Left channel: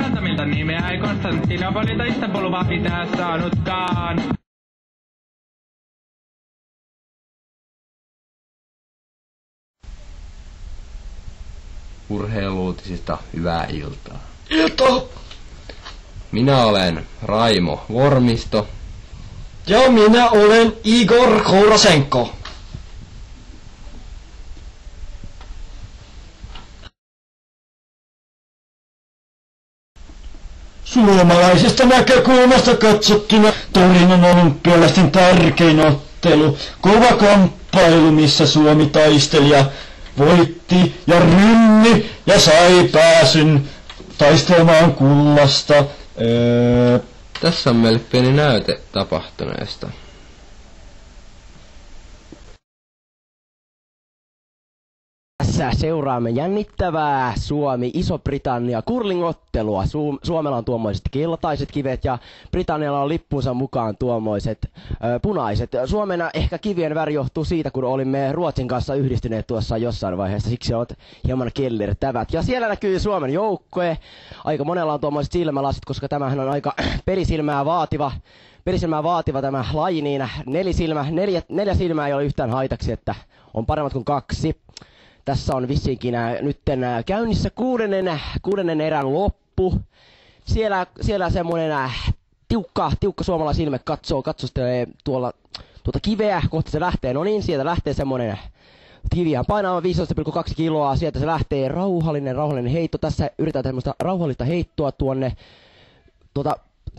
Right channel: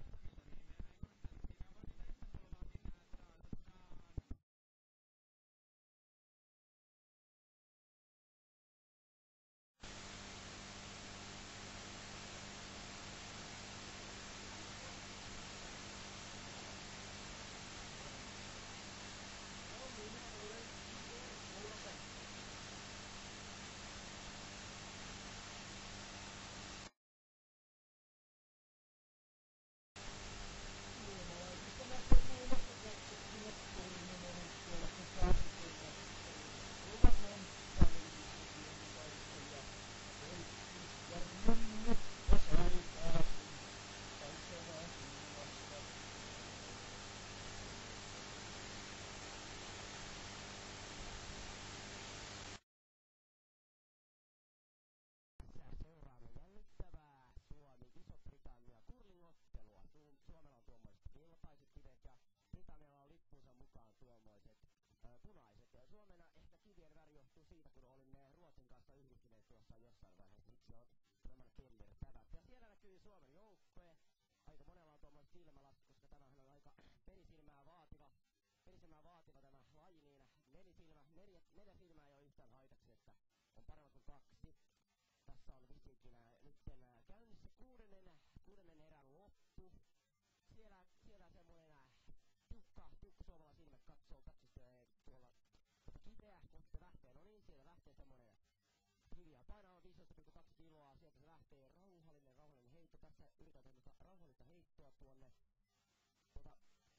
parantamilta nimeä ei Konstantinopolilta Istanbulua pitää saanutkaan. Urheiluutisista hyvää iltaa. Iltaa! Minä olen Raimo Vormisto. Ja minä olen Igor Kourasenko. Suomalaisesta näkökulmasta katsottuna Torinon olympialaisten tärkein ottelu. Kova kamppailu, missä Suomi taisteli ja voitti ja rynni ja sai pääsyn taistelemaan kullasta. Tässä on meille pieni näyte tapahtuneesta. Tässä seuraamme jännittävää Suomi-Iso-Britannia curling-ottelua. Suomella on tuommoiset keltaiset kivet ja Britannialla on lippunsa mukaan tuommoiset punaiset. Suomen ehkä kivien väri johtuu siitä, kun olimme Ruotsin kanssa yhdistyneet tuossa jossain vaiheessa. Siksi ovat hieman kellertävät. Ja siellä näkyy Suomen joukkue. Aika monella on tuommoiset silmälasit, koska tämähän on aika perisilmää vaativa tämä laji, niin neljä silmää ei ole yhtään haitaksi, että on paremmat kuin 2. Tässä on vissiinkin nytten käynnissä kuudennen erän loppu. Siellä semmoinen tiukka suomalaisilme katsostelee tuota kiveä, kohti se lähtee. No niin, sieltä lähtee semmoinen kiviä painaa 15,2 kiloa. Sieltä se lähtee rauhallinen heitto. Tässä yritetään tämmöistä rauhallista heittoa tuonne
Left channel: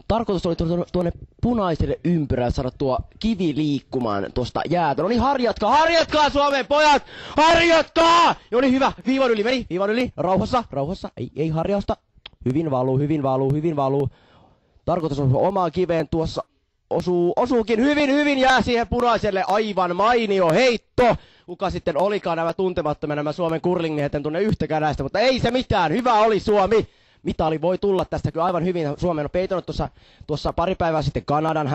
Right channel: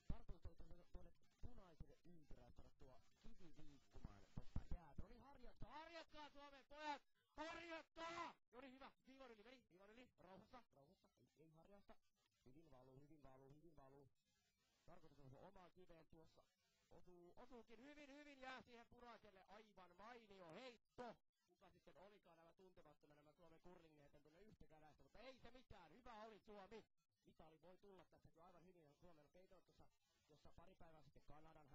tarkoitus oli tuonne punaiselle ympyrälle saada tuo kivi liikkumaan tuosta jäätä. No niin, harjatkaa Suomen pojat! Harjatkaa! No niin, hyvä. Viivan yli. Rauhassa. Ei harjausta. Hyvin valuu. Tarkoitus on omaan kiveen tuossa. Osuukin hyvin jää siihen punaiselle. Aivan mainio heitto. Kuka sitten olikaan nämä tuntemattomia nämä Suomen curling-miehet, en tunne yhtäkään näistä, mutta ei se mitään. Hyvä oli Suomi. Mitali voi tulla tästä kyllä aivan hyvin. Suomen on peitonut tuossa pari päivää sitten Kanadan.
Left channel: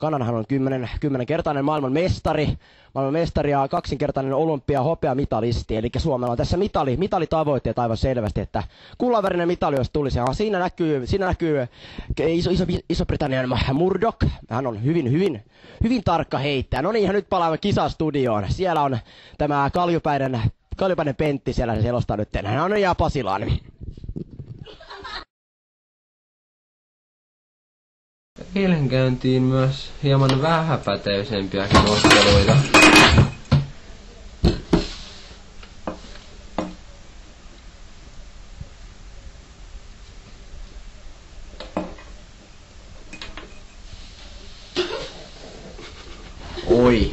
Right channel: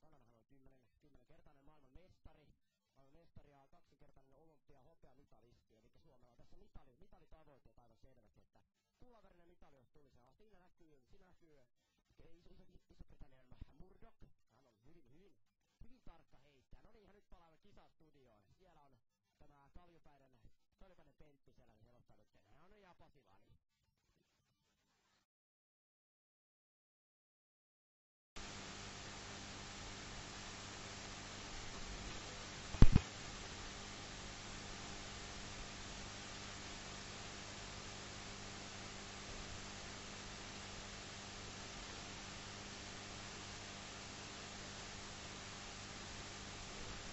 Kanadahan on 10-kertainen maailman mestari ja 2-kertainen olympiahopeamitalisti. Eli Suomella on tässä mitalitavoitteet aivan selvästi, että kullanvärinen mitali jos tulisi. Ja siinä näkyy Iso-Britannian Murdoch. Hän on hyvin tarkka heittäjä. No niin, ja nyt palaamme kisastudioon. Siellä on tämä Kaljupäinen Pentti siellä se selostaa nyt. Hän on ja Pasilaan. Eilen käyntiin myös hieman vähäpätöisempiäkin otteluita. Oi.